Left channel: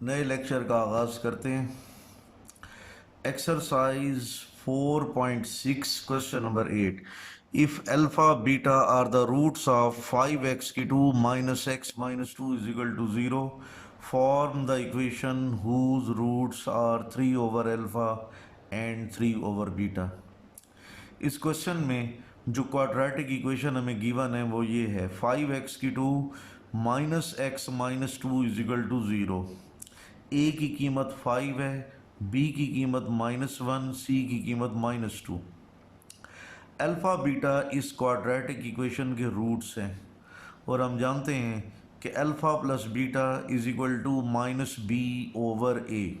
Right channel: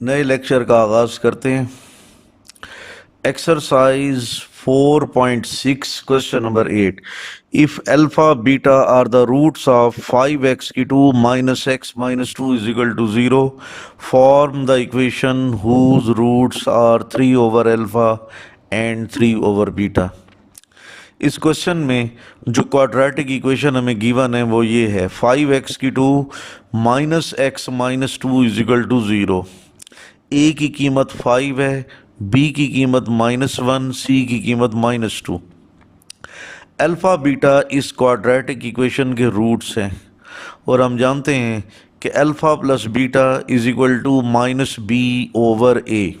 नए लेक्चर का आगाज करते हैं। Exercise 4.6 question number 8। If alpha beta are the roots of 5x की 2 minus x minus 2 is equal to 0, form the equation whose roots are 3 over alpha and 3 over beta. इस question में जो quadratic equation हमें given है वो ये है, 5x की 2 minus x minus 2 is equal to 0। A की कीमत 5 है, बी की कीमत -1, सी की कीमत -2। अल्फ़ा बीटा इस क्वाड्रेटिक इक्वेशन के रूट्स हैं और हम जानते हैं कि alpha plus beta is equal to minus B over A.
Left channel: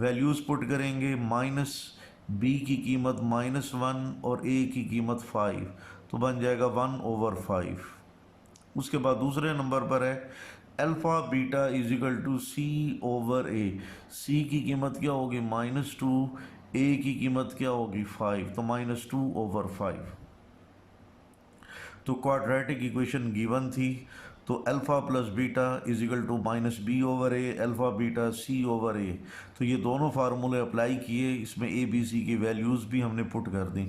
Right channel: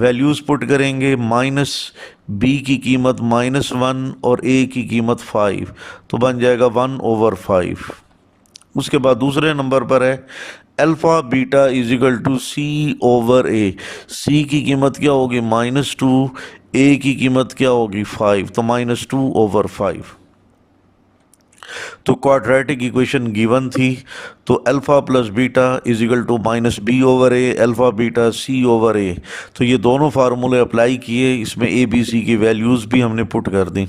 Values put करेंगे, माइनस बी की कीमत -1 और ए की कीमत 5, तो बन जाएगा 1/5। उसके बाद दूसरे नंबर पर है alpha beta is equal to C over A. C की कीमत क्या होगी -2, ए की कीमत क्या होगी 5, तो -2/5। तो क्वाड्रेटिक इक्वेशन गिवन थी, तो alpha plus beta is equal to minus B over A, alpha beta C over A. तो ये दोनों फार्मूले अप्लाई किए, इसमें ए बी सी की वैल्यूज़ भी हमने पुट कर दी।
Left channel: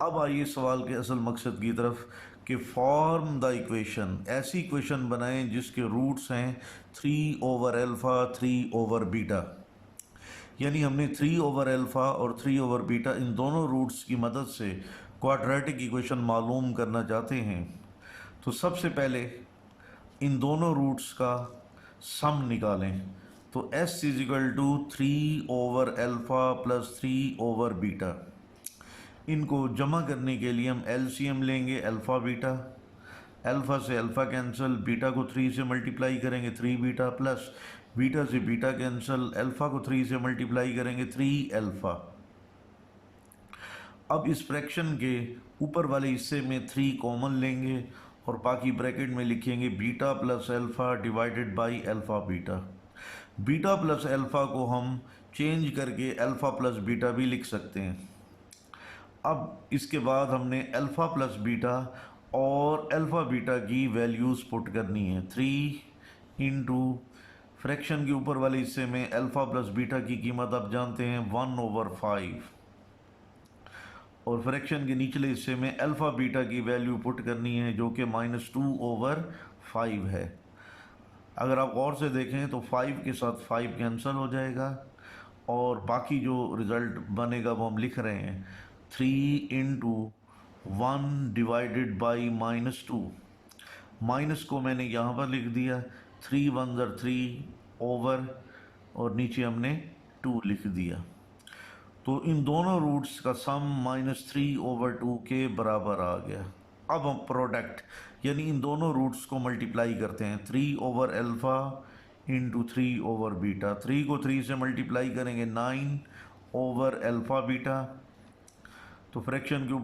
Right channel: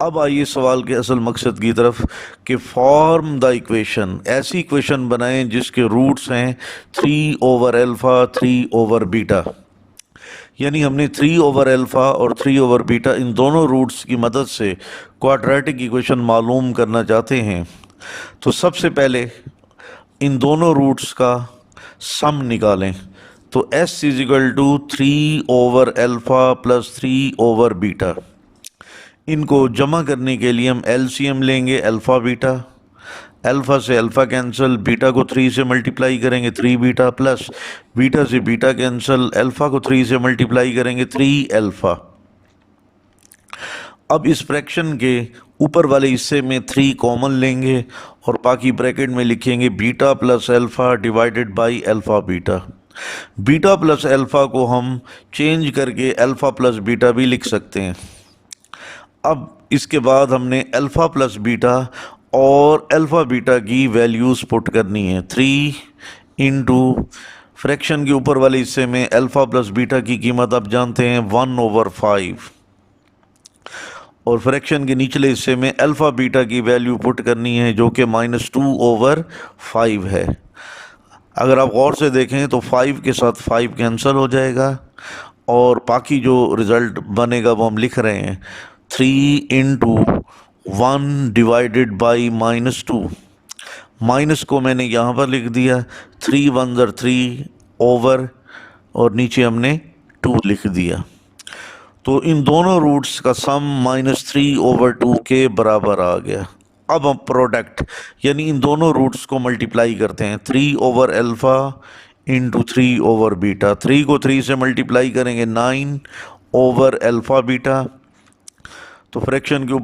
अब आइए सवाल के असल मकसद की तरफ कि फॉर्म द इक्वेशन, ऐसी इक्वेशन बनाएं जिसके रूट्स हैं 3 ओवर अल्फ़ा 3 ओवर बीटा। यानी हमने 3 ओवर अल्फ़ा और 3 ओवर बीटा इन दोनों रूट्स की मदद से क्वाड्रेटिक इक्वेशन मालूम करना चाहते हैं। तो सबसे पहले इन दोनों रूट्स का सम निकालें। तो s is equal to 3 over alpha plus 3 over beta. इनको जमा करने के लिए हम एलसीएम लेंगे अल्फ़ा बीटा। अल्फ़ा से अल्फ़ा कैंसिल, बीटा को 3 से मल्टीप्लाई करेंगे 3 बीटा, प्लस बीटा से बीटा कैंसिल, अल्फ़ा को 3 से मल्टीप्लाई करेंगे 3 अल्फ़ा। अब इस फ्रैक्शन के ऊपर वाले हिस्से में 3 कॉमन लेंगे और बाकी ब्रैकेट में लिखेंगे beta plus alpha divided by alpha beta. Beta plus alpha को हम चेंज करके अल्फ़ा प्लस बीटा भी लिख सकते हैं। अब इसके बाद हमने अल्फ़ा प्लस बीटा और अल्फ़ा बीटा की वैल्यूज़ पुट करनी है। 3 इंटू फ्रैक्शन के ऊपर वाले हिस्से में अल्फ़ा प्लस बीटा की कीमत आप जानते हैं 1/5, और फ्रैक्शन के निचले हिस्से में अल्फ़ा बीटा की वैल्यू पुट करनी है जो कि -2/5 है। अगर आप गौर से देखें तो 5 के साथ 5 कैंसिल हो जाएगा और बाकी जो रिज़ल्ट बनेगा वो हम लिख रहे हैं 3 इंटू 1 डिवाइडेड बाई -2। माइनस को मैंने यहाँ पर लिख दिया, 3 1 ज़र 3 ओवर और नीचे हमने 2 लिख दिया। तो इन दोनों रूट्स का सम -3/2 के बराबर आ गया। अब हम प्रोडक्ट यानी इन दोनों रूट्स को मल्टीप्लाई करते हैं। 3 over alpha into 3 over beta. 3 को 3 से मल्टीप्लाई करेंगे 9 ओवर अल्फ़ा बीटा। तो फ्रैक्शन के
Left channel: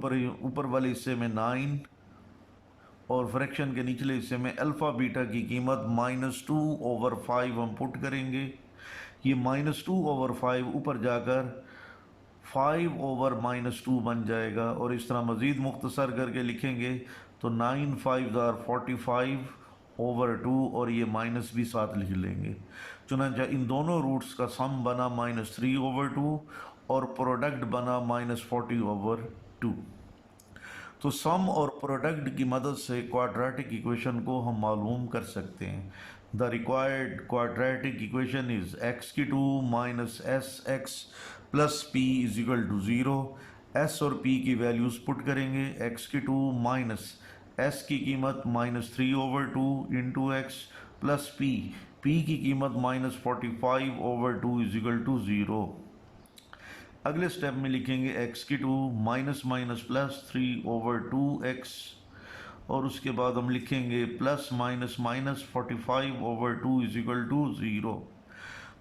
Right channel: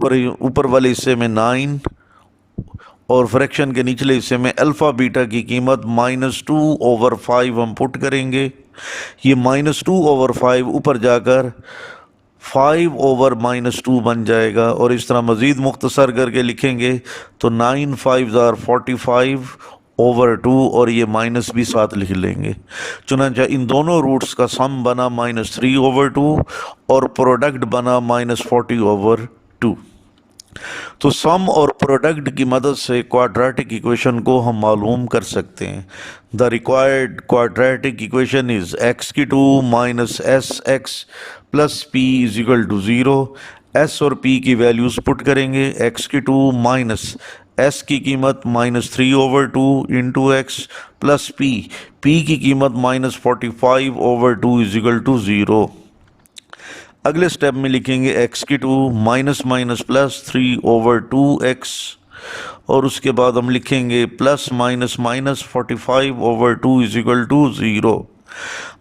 ऊपर वाले हिस्से में 9 और फ्रैक्शन के निचले हिस्से में अल्फ़ा बीटा की कीमत -2/5 हम पुट करेंगे। ये -2/5 ऊपर जाकर 5 ओवर -2 बन जाएगा और इस तरह मज़ीद मुख्तसर करके लिखेंगे तो 9 5 ज़ार 45 ओवर 2 और ये माइनस भी साथ लिख लेंगे। चुनांचा इन दोनों रूट्स का सम बना -3/2 और प्रोडक्ट बना -40/2। तो सम और प्रोडक्ट की मदद से क्वाड्रेटिक इक्वेशन को हम मालूम कर सकते हैं। The required quadratic equation is x की 2 minus s x plus p is equal to 0। s और p की वैल्यूज़ पुट करेंगे। x की 2 माइनस s की कीमत -3/2 इंटू एक्स प्लस p की कीमत -45/2 इज इक्वल टू 0। अगले स्टेप में लिखेंगे x की 2 माइनस माइनस प्लस 3/2x और उसके बाद हम लिखेंगे plus minus minus 45/2 is equal to 0।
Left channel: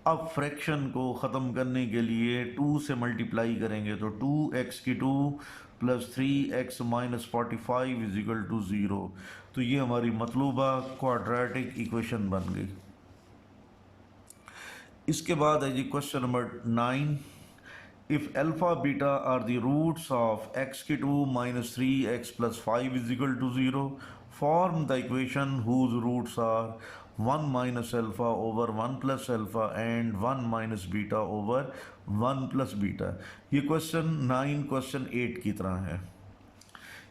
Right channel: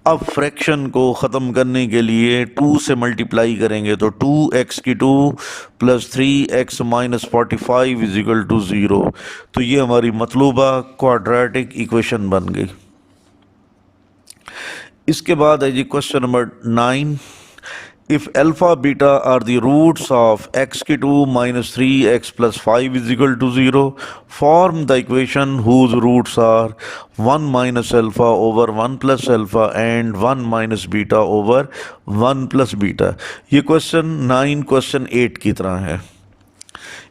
अब फ्रैक्शन को ख़त्म करने के लिए 2 से मल्टीप्लाई करेंगे तो 2x की 2 plus 3x minus 45 is equal to 0। तो ये हमारी मतलूबा क्वाड्रेटिक इक्वेशन बन गई। इसके बाद है जी question number 9। If alpha beta are the roots of x2 minus 3x plus 5 is equal to 0, form the equation whose roots are 1 minus alpha over 1 plus alpha and 1 minus beta over 1 plus beta. ये question 9 question 8 की तरह है.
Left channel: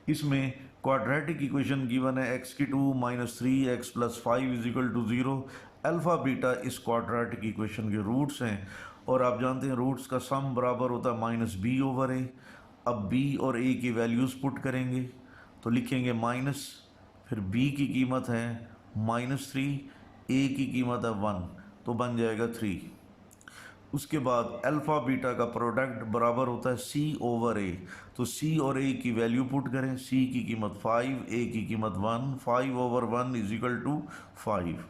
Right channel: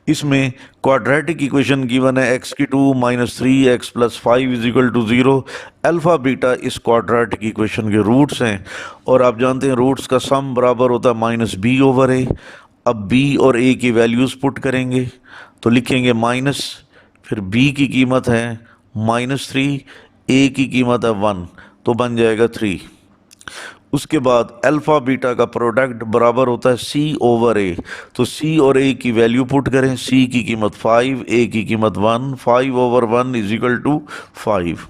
इसमें quadratic equation given है x की 2 minus 3x plus 5 is equal to 0. Alpha beta इस quadratic equation के roots हैं और आप जानते हैं रूट्स का सम बराबर होता है माइनस बी ओवर ए. अब b और a की वैल्यूज़ पुट करेंगे तो लिखेंगे माइनस, फिर b की कीमत है -3, a की कीमत है 1, तो बन जाएगा 3. उसके बाद अल्फ़ा बीटा का प्रोडक्ट बराबर होता है c ओवर a. तो c और a की वैल्यू पुट करें, c की कीमत 5, a की कीमत 1, 5 ओवर 1 इज इक्वल टू 5.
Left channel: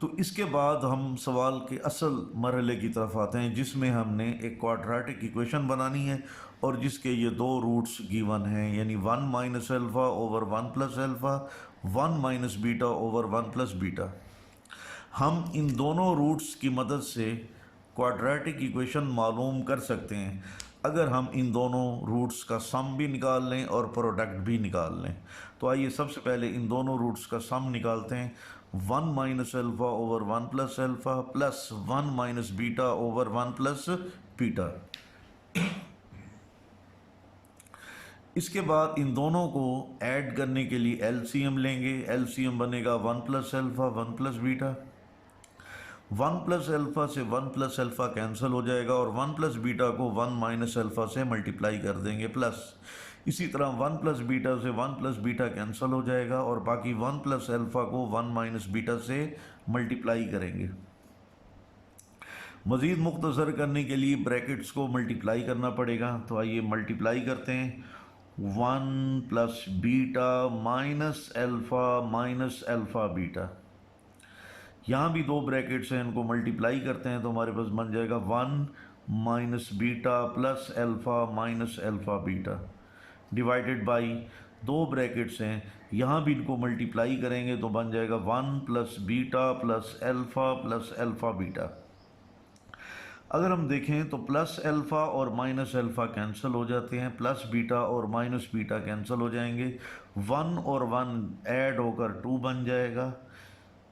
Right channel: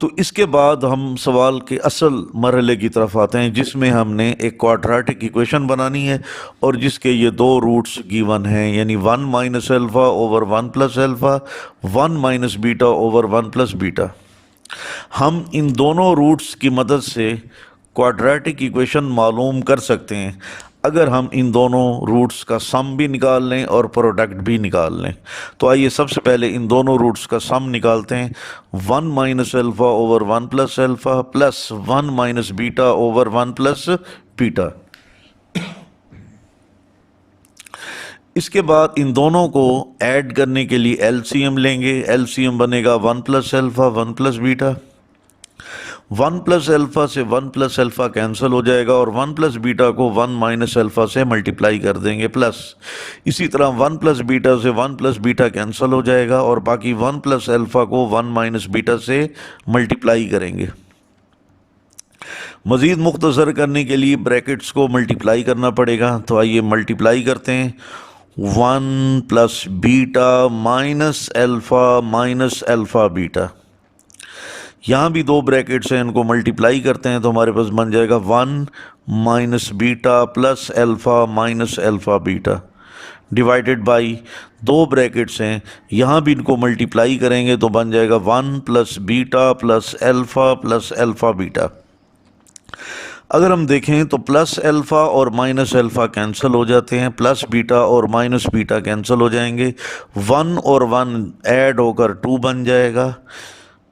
तो इसके बाद हम सवाल के असल मरहले की तरफ आते हैं जिसमें हमने एक क्वाड्रेटिक इक्वेशन बनानी है और जिसके ये दो रूट्स गिवन हैं, यानी 1 minus alpha over 1 plus alpha, 1 minus beta over 1 plus beta. हम इन दोनों रूट्स की मदद से क्वाड्रेटिक इक्वेशन मालूम कर सकते हैं अगर हम इन दोनों रूट्स का सम भी निकाल लें और प्रोडक्ट भी निकाल लें. तो आइए सबसे पहले इन दोनों रूट्स का सम निकालते हैं. 1 minus alpha over 1 plus alpha plus 1 minus beta over 1 plus beta. इसके बाद इन दोनों को ऐड करने के लिए एलसीएम लेंगे. एलसीएम बनेगा 1 plus alpha 1 plus beta. 1 plus alpha से 1 प्लस अल्फ़ा कैंसिल हो जाएगा और 1 प्लस बीटा को 1 माइनस अल्फ़ा से मल्टीप्लाई कर देंगे प्लस. इसी तरह 1 प्लस बीटा से 1 प्लस बीटा कैंसिल हो जाएगा और बाकी 1 प्लस अल्फ़ा को 1 माइनस बीटा से मल्टीप्लाई करेंगे. मज़ीद मुख्तसर करने के लिए ब्रैकेट्स को मल्टीप्लाई करना पड़ेगा. तो आइए मल्टीप्लाई करते हैं. 1 plus beta minus alpha beta. यहाँ भी दो ब्रैकेट्स हैं, इनको मल्टीप्लाई करते हैं तो हमारे पास बन जाएगा 1 minus beta plus alpha beta divided by दो ब्रैकेट्स हैं, यहाँ भी इनको मल्टीप्लाई करेंगे तो बन जाएगा 1 plus beta plus alpha beta. अगर हम देखें तो प्लस अल्फ़ा और माइनस अल्फ़ा कैंसिल हो जाते हैं, प्लस बीटा और माइनस बीटा कैंसिल हो जाएंगे, 1 और 1 ऐड होकर 2 बन जाएगा.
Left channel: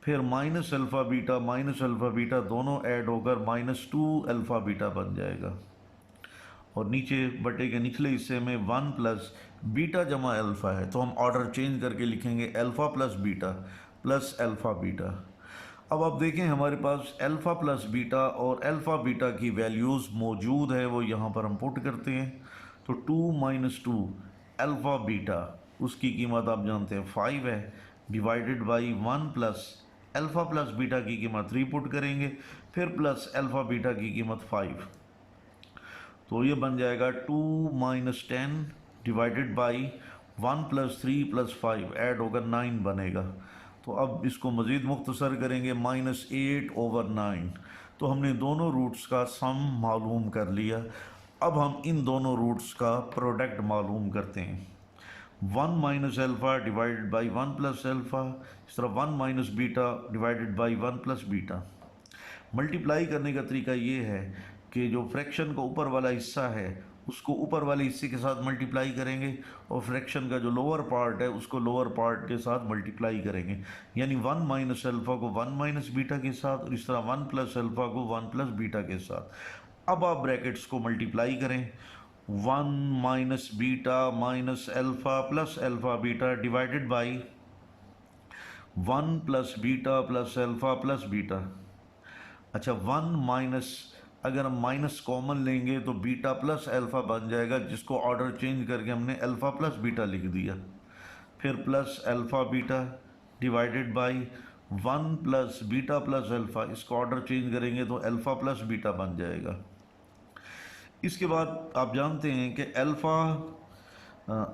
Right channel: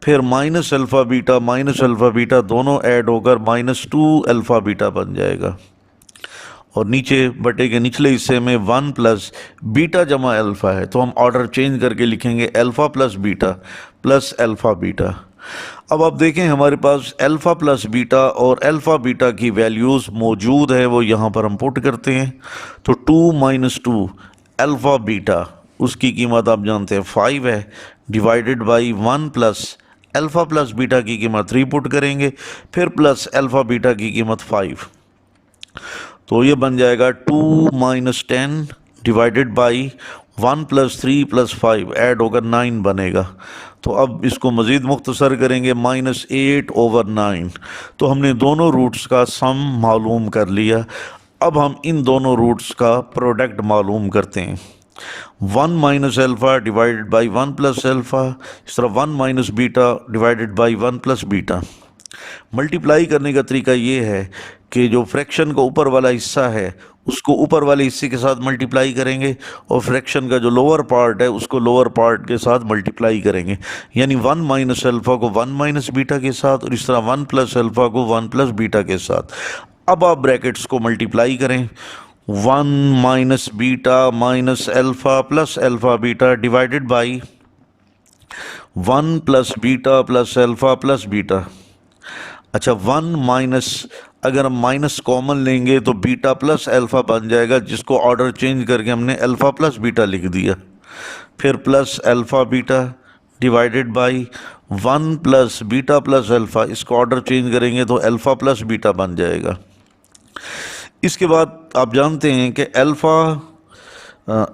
फिर माइनस अल्फ़ा बीटा दोनों ऐड होकर -2 अल्फ़ा बीटा बन जाएगा. और नीचे बटे के निचले हिस्से में 1 प्लस बीटा जमा अल्फ़ा है तो हम ऑर्डर चेंज करके लिखेंगे alpha plus beta plus alpha beta. अब आप देखें हमारे पास अल्फ़ा प्लस बीटा और अल्फ़ा बीटा की वैल्यूज़ मौजूद है, वो यहाँ पर हम पुट करते हैं. तो 2 माइनस 2 अल्फ़ा बीटा, उसकी कीमत आप जानते हैं 5 है, divided by 1 plus alpha plus beta की कीमत 3 पुट करेंगे, फिर प्लस अल्फ़ा बीटा की कीमत 5. तो ये बन जाएगा 2 minus 10 divided by 1 plus 3 plus 5 add होकर 9 बनेगा. तो अब इसको मज़ीद मुख्तसर करेंगे -8 ओवर 9. तो हमने दोनों रूट्स का सम मालूम कर लिया. अब हम इन दोनों रूट्स का प्रोडक्ट मालूम करते हैं. 1 minus alpha divided by 1 plus alpha, इस तरह 1 minus beta divided by 1 plus beta. Multiply करने का तरीका ये है कि जो फ्रैक्शन का ऊपर वाला हिस्सा है उसको ऊपर वाले हिस्से के साथ मल्टीप्लाई करेंगे और फ्रैक्शन का जो लोअर पार्ट है उसको लोअर पार्ट के साथ मल्टीप्लाई करेंगे. यानी 1 माइनस अल्फ़ा को 1 माइनस बीटा के साथ और इस तरह 1 प्लस अल्फ़ा को 1 प्लस बीटा के साथ. अब आप ब्रैकेट्स को मल्टीप्लाई करें. 1 minus beta minus alpha plus alpha beta divided by 1 plus beta plus alpha plus beta. अच्छा 1 माइनस, अगर हम माइनस कॉमन लेंगे तो बीटा प्लस अल्फ़ा बन जाएगा जिसको ऑर्डर चेंज करके हमने अल्फ़ा प्लस बीटा लिख दिया. फिर plus alpha beta divided by 1 plus beta plus alpha, इसको ऑर्डर चेंज करेंगे तो अल्फ़ा प्लस बीटा बन जाएगा. इसके बाद आप जानते हैं कि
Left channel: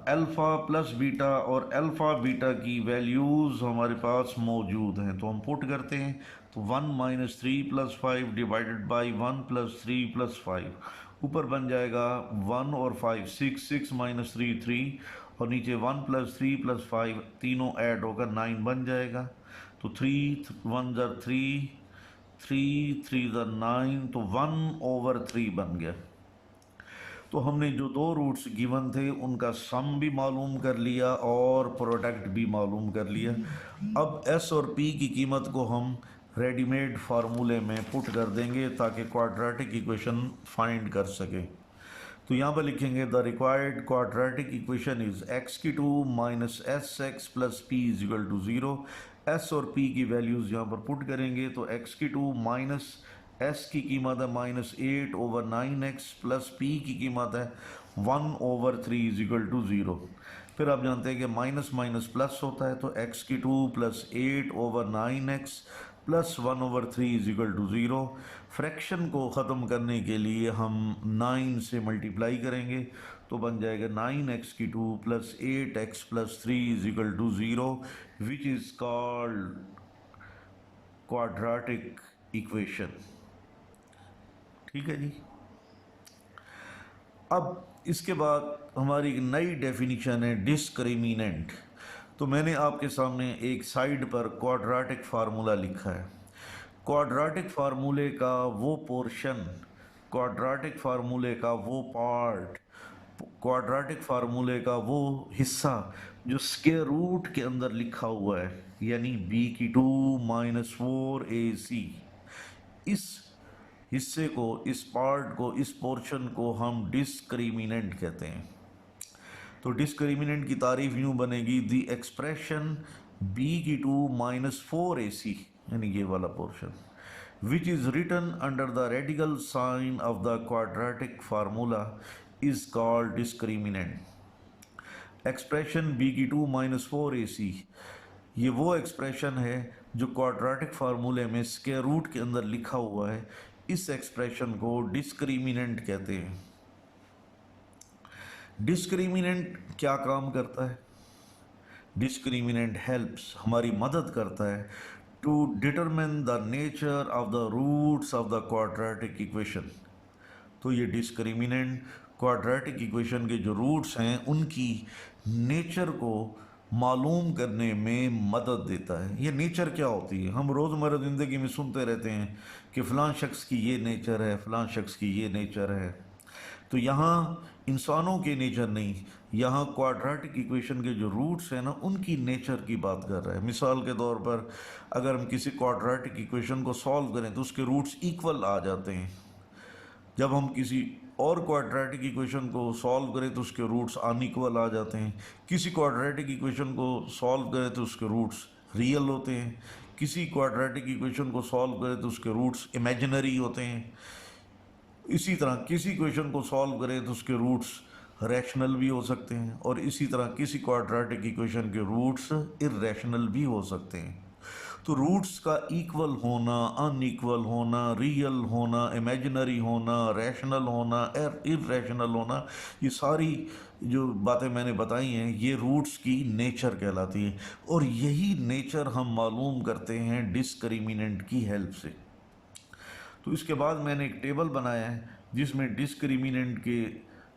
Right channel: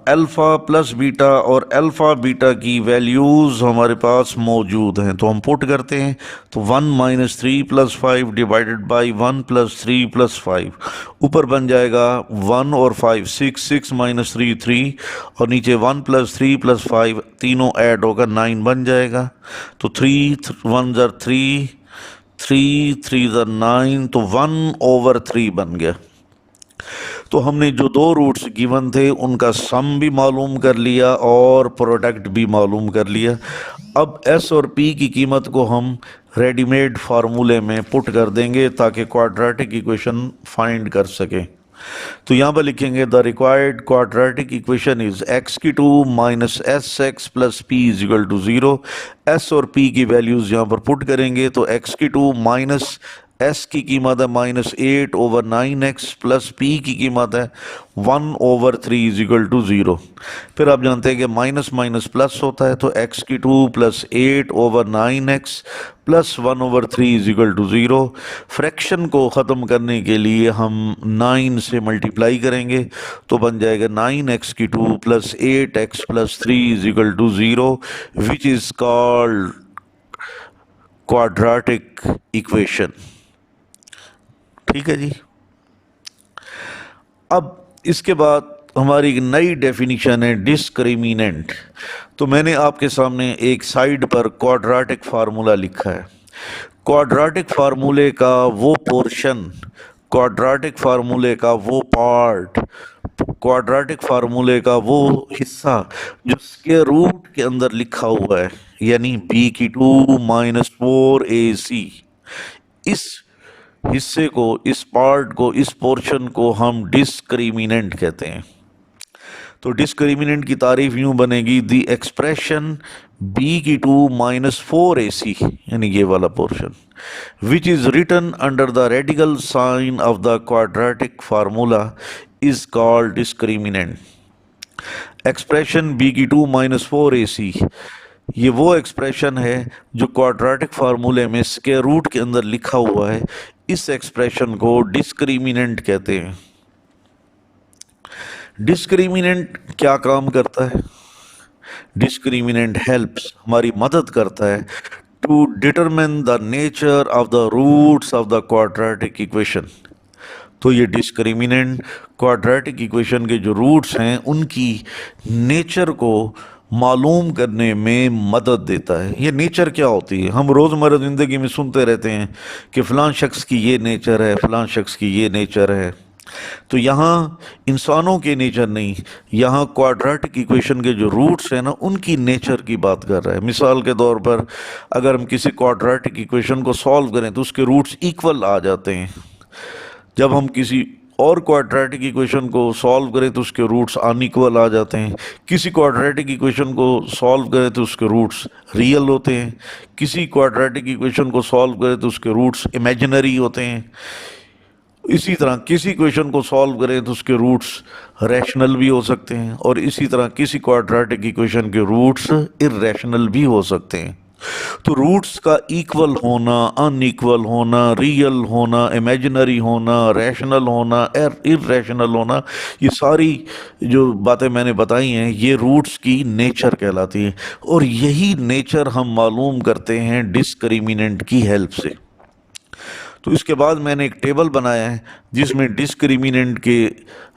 अल्फ़ा प्लस बीटा और अल्फ़ा बीटा की वैल्यूज़ हमारे पास मौजूद हैं तो हम पुट करते हैं. तो 1 minus 3 plus 5 divided by 1 plus 3 plus 5, ऊपर बन जाएगा 1 और 5 6 माइनस 3 3 और नीचे 1 प्लस 3 प्लस 5 तीनों ऐड होकर 9 बन जाएगा. तो 3 1 ज़र 3 3 ज़ा 9, तो 1/3 बन गया। तो हमने जो दो रूट्स गिवन थे उनका सम भी मालूम कर लिया और प्रोडक्ट भी मालूम कर लिया। अब एस और पी की कीमत को हम रेडीमेड फार्मूले में पुट कर देंगे ताकि क्वाड्रेटिक इक्वेशन फाइंड कर सकें। तो यहाँ पर लिखेंगे the required quadratic equation is x⁴ minus s plus p is equal to 0। S और पी की वैल्यूज़ यहाँ पर पुट करेंगे तो x⁴ माइनस एस की कीमत है -8/9x प्लस पी की कीमत है 1/3 इज इक्वल टू 0। फिर आप जानते हैं कि माइनस माइनस प्लस होता है, तो x⁴ plus 8/9x plus 1/3 is equal to 0। Fraction को ख़त्म करने के लिए हम 9 से मल्टीप्लाई करेंगे तो बन जाएगा 9x⁴ plus 8x plus 3 is equal to 0, which is called quadratic equation. ठीक है जी। अब इसके बाद हमारी एक नई डेफिनेशन है डिस्क्रिमिनेंट। तो मैंने आपके सामने एक साइड पर क्वाड्रेटिक फार्मूला लिखा है। क्वाड्रेटिक फार्मूले का वो पोर्शन, क्वाड्रेटिक फार्मूले का वो पार्ट, क्वाड्रेटिक फार्मूले का वो हिस्सा जो स्क्वायर रूट के अंदर लिखा हुआ है, यानी b⁴ माइनस 4ac, इस हिस्से को, इस पार्ट को, इस पोर्शन को हम डिस्क्रिमिनेंट कहते हैं। तो डिस्क्रिमिनेंट की तारीफ यूं बनेगी the expression b⁴ minus 4ac, यानी ये वाला portion, which is written under the radical sign of the quadratic formula is called discriminant. Expression b⁴ minus 4ac ये वो एक्सप्रेशन है जो क्वाड्रेटिक फार्मूले में स्क्वायर रूट के अंदर लिखा हुआ है। इस एक्सप्रेशन को डिस्क्रिमिनेंट कहते हैं। डिस्क्रिमिनेंट क्या काम करता है? डिस्क्रिमिनेंट हेल्प्स, हमारी मदद करता है to determine the nature of the roots of the quadratic equation. तो ये डिस्क्रिमिनेंट क्वाड्रेटिक इक्वेशन के जो रूट्स हैं उनकी नेचर को मालूम करने में मदद देता है। ये नेचर क्या होती है? हम रोज़मर्रा ज़िंदगी में सुनते रहते हैं कि फ़लाँ शख्स की ये नेचर है, फ़लाँ शख्स की ये नेचर है। तो यहाँ इंसानों के नेचर नहीं, यहाँ क्वाड्रेटिक इक्वेशन के जो रूट्स हैं ना, उनकी नेचर की बात कर रहा है। मिसाल के तौर पर अगर हम किसी क्वाड्रेटिक इक्वेशन को सॉल्व करें तो उसके रूट्स इक्वल आ जाते हैं। जब हम किसी और क्वाड्रेटिक इक्वेशन को सॉल्व करें तो उसके रूट्स अनइक्वल आ जाते हैं। किसी क्वाड्रेटिक इक्वेशन को सॉल्व करें तो उसके रूट्स रियल होते हैं। किसी क्वाड्रेटिक इक्वेशन को सॉल्व करें तो उसके रूट्स इमेजिनरी होते हैं। इसी तरह किसी इक्वेशन को सॉल्व करें तो उसके रूट्स रैशनल भी हो सकते हैं, और इसी तरह किसी क्वाड्रेटिक इक्वेशन के रूट्स इर्रेशनल भी हो सकते हैं। तो रूट्स का इक्वल होना, अनइक्वल होना, रियल होना, इमेजिनरी होना, रैशनल होना, इर्रेशनल होना, ये सारी जो बातें मैंने बताई हैं ये रूट्स की नेचर कहलाती हैं। और यही नेचर हम मालूम करते हैं डिस्क्रिमिनेंट की हेल्प से। तो इसके बाद मैंने एक टेबल बनाया है जिसमें डिस्क्रिमिनेंट के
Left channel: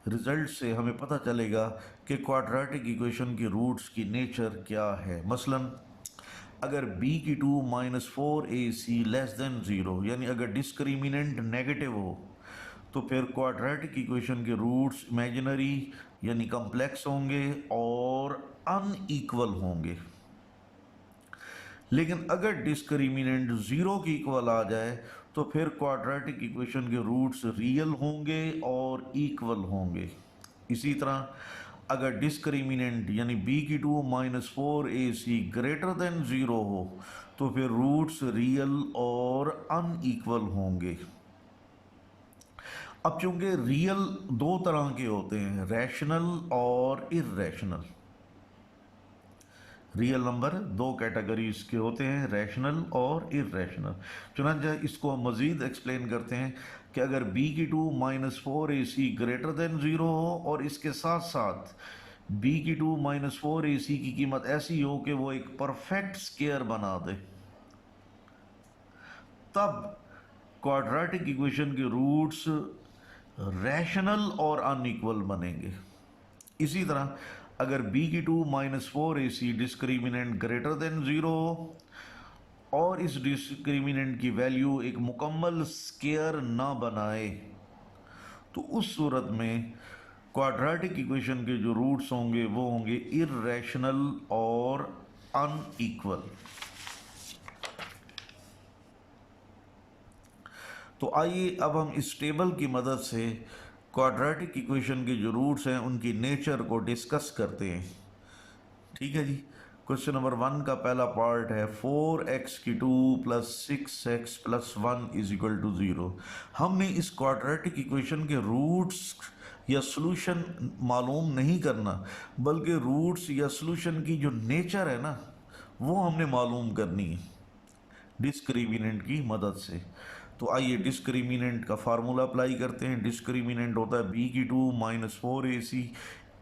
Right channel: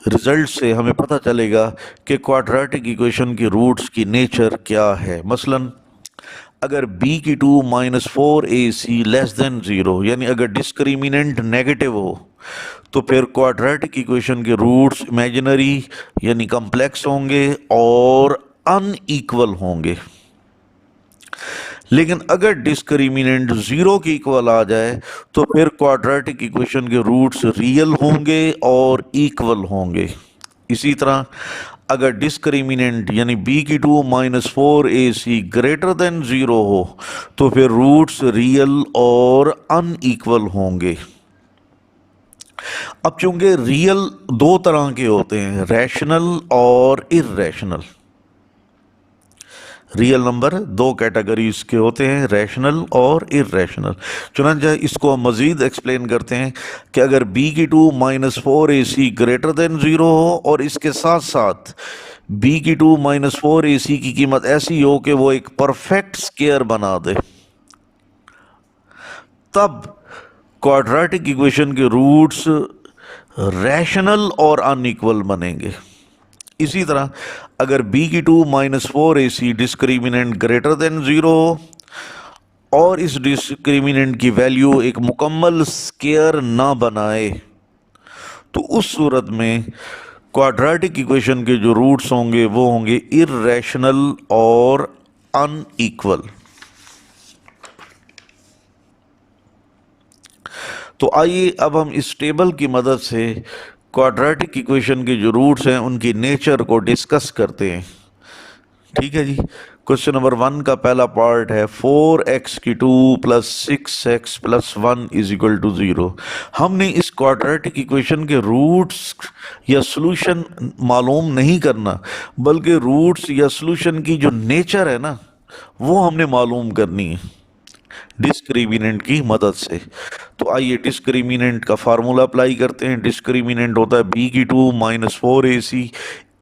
रिजल्ट से हमें पता चलेगा कि क्वाड्रेटिक इक्वेशन की रूट्स की नेचर क्या है। मसलन अगर b⁴ minus 4ac less than 0, यानी अगर डिस्क्रिमिनेंट नेगेटिव हो तो फिर क्वाड्रेटिक इक्वेशन के रूट्स इमेजिनरी यानी कम्प्लेक्स होंगे और अनइक्वल होंगे। लेकिन अगर डिस्क्रिमिनेंट 0 के इक्वल आ जाए तो फिर क्वाड्रेटिक इक्वेशन के रूट्स रियल होंगे और इक्वल होंगे। इसी तरह अगर डिस्क्रिमिनेंट यानी b⁴ minus 4ac greater than 0 हो तो फिर रूट्स रियल और अनइक्वल होंगे। अब चूंकि रियल दो तरह के होते हैं, रैशनल और इर्रेशनल। रियल नंबर दो कैटेगरीज के होते हैं, रैशनल और इर्रेशनल। चुनांचे इसको हम मज़ीद एक्सप्लेन करते हैं कि अगर b⁴ minus 4ac greater than 0 हो और इसके साथ साथ b⁴ माइनस 4ac की कीमत ऐसी हो कि वो एक परफेक्ट स्क्वायर बना दे, तब क्वाड्रेटिक इक्वेशन के रूट्स रैशनल और अनइक्वल बनेंगे। इसी तरह अगर b⁴ minus 4ac discriminant greater than 0 हो और इस डिस्क्रिमिनेंट की वैल्यू एक मुकम्मल स्केयर ना बनाए, तो उस सूरत में क्वाड्रेटिक इक्वेशन के जो रूट्स होंगे वो होंगे इर्रेशनल और अनइक्वल। तो आइए अब हम इस टेबल की मदद से क्वाड्रेटिक इक्वेशन के जो रूट्स हैं उनकी नेचर को डिस्कस करते हैं। ठीक है जी। क्वेश्चन नंबर 1 का पहला पार्ट है 4x की 2 plus 6x plus 1 is equal to 0। हमने इस क्वाड्रेटिक इक्वेशन के रूट्स या सॉल्यूशन मालूम नहीं करना, बल्कि रूट्स या सॉल्यूशन की जो नेचर है ना वो हमने मालूम करनी है डिस्क्रिमिनेंट की मदद से। तो आइए डिस्क्रिमिनेंट का फार्मूला अप्लाई करते हैं। डिस्क्रिमिनेंट होता है b की 2 minus 4ac।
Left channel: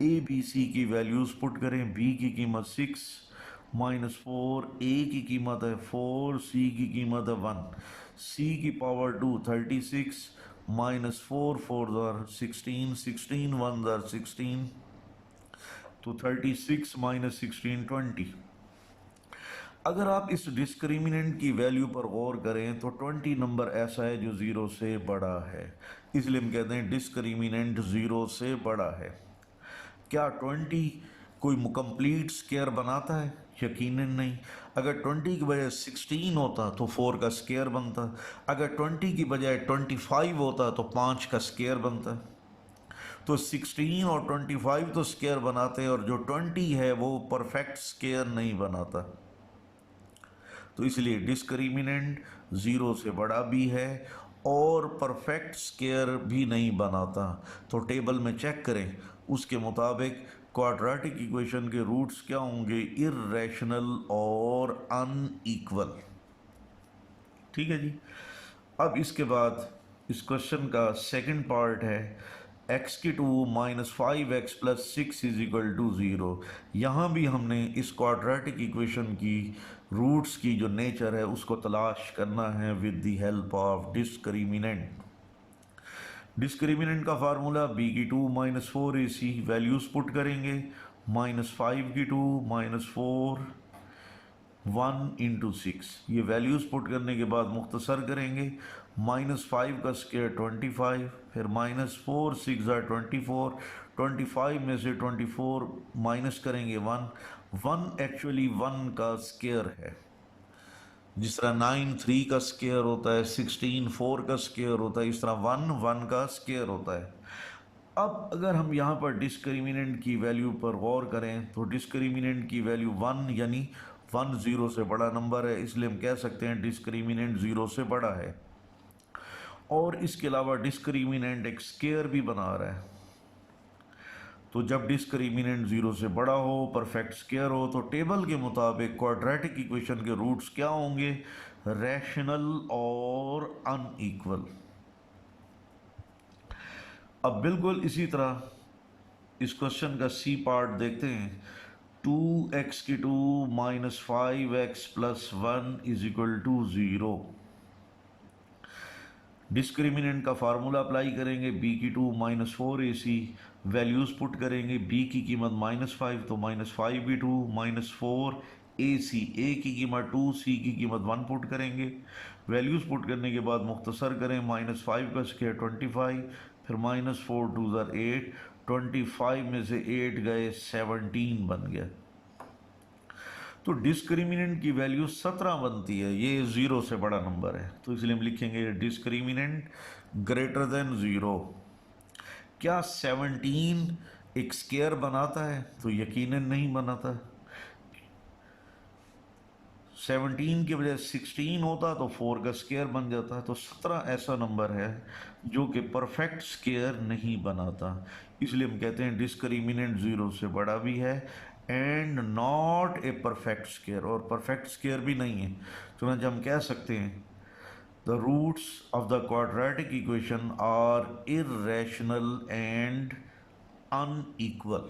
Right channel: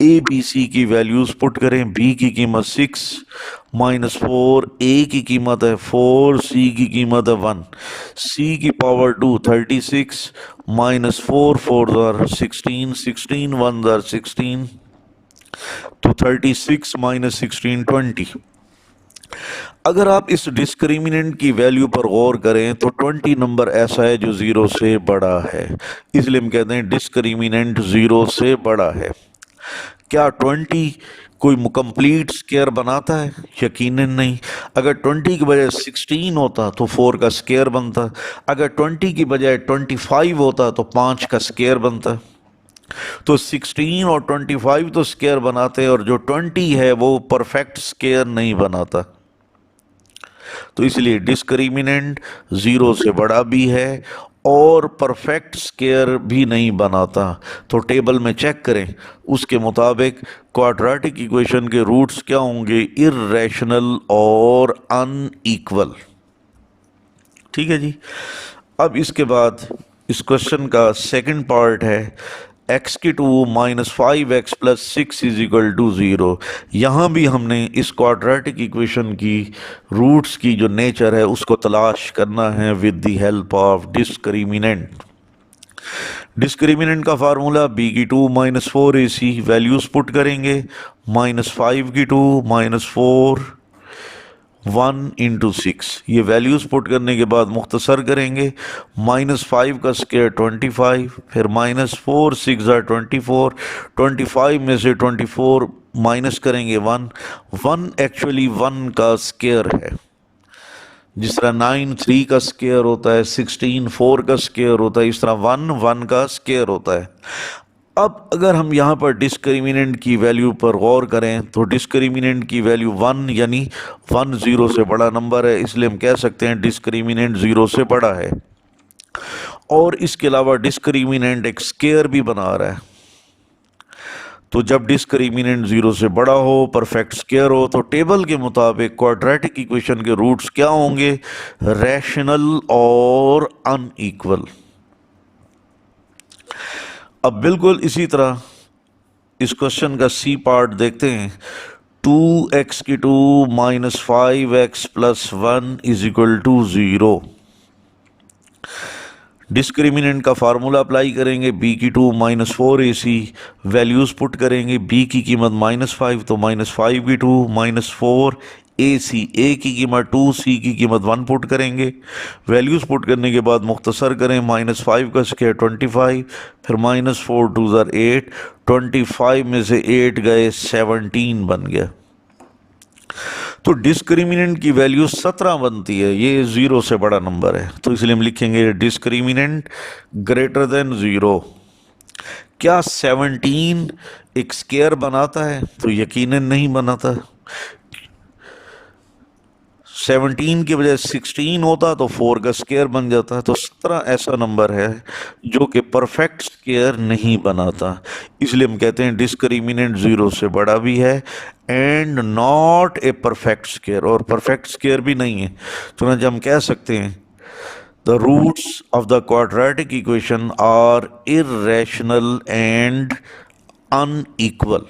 A B C की वैल्यूज पुट करें। b की कीमत 6 माइनस 4, a की कीमत है 4, c की कीमत है 1, c की पावर 2 36 माइनस 4 4 16, 16 1 16, तो 36 माइनस 16 20। अगर आप इस डिस्क्रिमिनेंट की वैल्यू पर गौर करें तो 20 नंबर ऐसा है जो 0 से बड़ा है, इसलिए हम कहते हैं डिस्क्रिमिनेंट 0 से बड़ा है। क्या 20 कोई कंप्लीट स्क्वायर बनाता है? यकीनन नहीं। अगर 20 की बजाय 16 होता तो 4 का स्क्वायर बनता। अगर 20 की बजाय 25 होता तो 5 का स्क्वायर बनता। तो 16 और 25 तो स्क्वायर बनाते हैं, और जो 20 है वो परफेक्ट स्क्वायर नहीं बनाता। तो इसलिए डिस्क्रिमिनेंट 0 से बड़ा भी है और परफेक्ट स्क्वायर भी नहीं बनाता। तो टेबल में चेक करें, उसके मुताबिक क्वाड्रेटिक इक्वेशन के रूट्स क्या होंगे? इर्रेशनल और अनइक्वल। ठीक है जी। अब इसके बाद इस क्वेश्चन का सेकंड पार्ट है x की 2 minus 5x plus 6 is equal to 0। यहाँ भी हमने इस क्वाड्रेटिक इक्वेशन की रूट्स की जो नेचर है उसको तलाश करना है with the help of discriminant. Discriminant का फार्मूला b की 2 माइनस 4ac, वैल्यूज पुट करेंगे। माइनस 5 की 2 माइनस 4 1 इंटू 6, ये वैल्यूज पुट करने के बाद मुख्तसर करेंगे। माइनस 5 का स्क्वायर 25, फिर माइनस 4 6 24, 25 में से 24 माइनस करेंगे 1, 1 एक्चुअली 1 का स्क्वायर है। जिस तरह 9 3 का स्क्वायर होता है, 16 4 का स्क्वायर होता है, इस तरह 1 1 का स्क्वायर होता है। अब अगर हम यहाँ पर डिस्क्रिमिनेंट की वैल्यू पर गौर करें तो डिस्क्रिमिनेंट की वैल्यू 1, यानी 1 0 से बड़ा नंबर है, इसलिए हम कह सकते हैं डिस्क्रिमिनेंट 0 से बड़ा है। और इसके अलावा डिस्क्रिमिनेंट एक स्क्वायर भी बना रहा है। तो जब डिस्क्रिमिनेंट 0 से बड़ा हो, परफेक्ट स्क्वायर हो, तो टेबल के मुताबिक क्वाड्रेटिक इक्वेशन के रूट्स क्या होंगे? रैशनल और अनइक्वल। अब बिल्कुल इसी तरह इस क्वेश्चन का सी पार्ट देखते हैं। 2x की 2 minus 5x plus 1 is equal to 0। Discriminant का फार्मूला अप्लाई करेंगे। b की 2 माइनस 4ac, वैल्यूज पुट करेंगे। b की कीमत माइनस 5, तो माइनस 5 की 2 माइनस 4 ac, a की कीमत 2, c की कीमत 1 पुट करेंगे। वैल्यूज पुट करने के बाद मुख्तसर करें। माइनस 5 का स्क्वायर 25, फिर माइनस 4 2 8, 25 में से 8 गए 17 बन गया। तो डिस्क्रिमिनेंट की वैल्यू 17 बनती है, ये 0 से बड़ा नंबर है, तो इसलिए हम लिखेंगे डिस्क्रिमिनेंट ग्रेटर देन 0। क्या 17 एक स्क्वायर बनाता है? तो यकीनन नहीं बनाता। 17 की बजाय 16 होता तो 4 का स्क्वायर बन जाता है। तो 17 ऐसा नंबर है जो कि परफेक्ट स्क्वायर नहीं बनाता, इसलिए हम कहते हैं डिस्क्रिमिनेंट 0 से बड़ा भी है and not a perfect square, और परफेक्ट स्क्वायर भी नहीं है। तो ना हम कह सकते हैं the roots of the quadratic equation are irrational and unequal.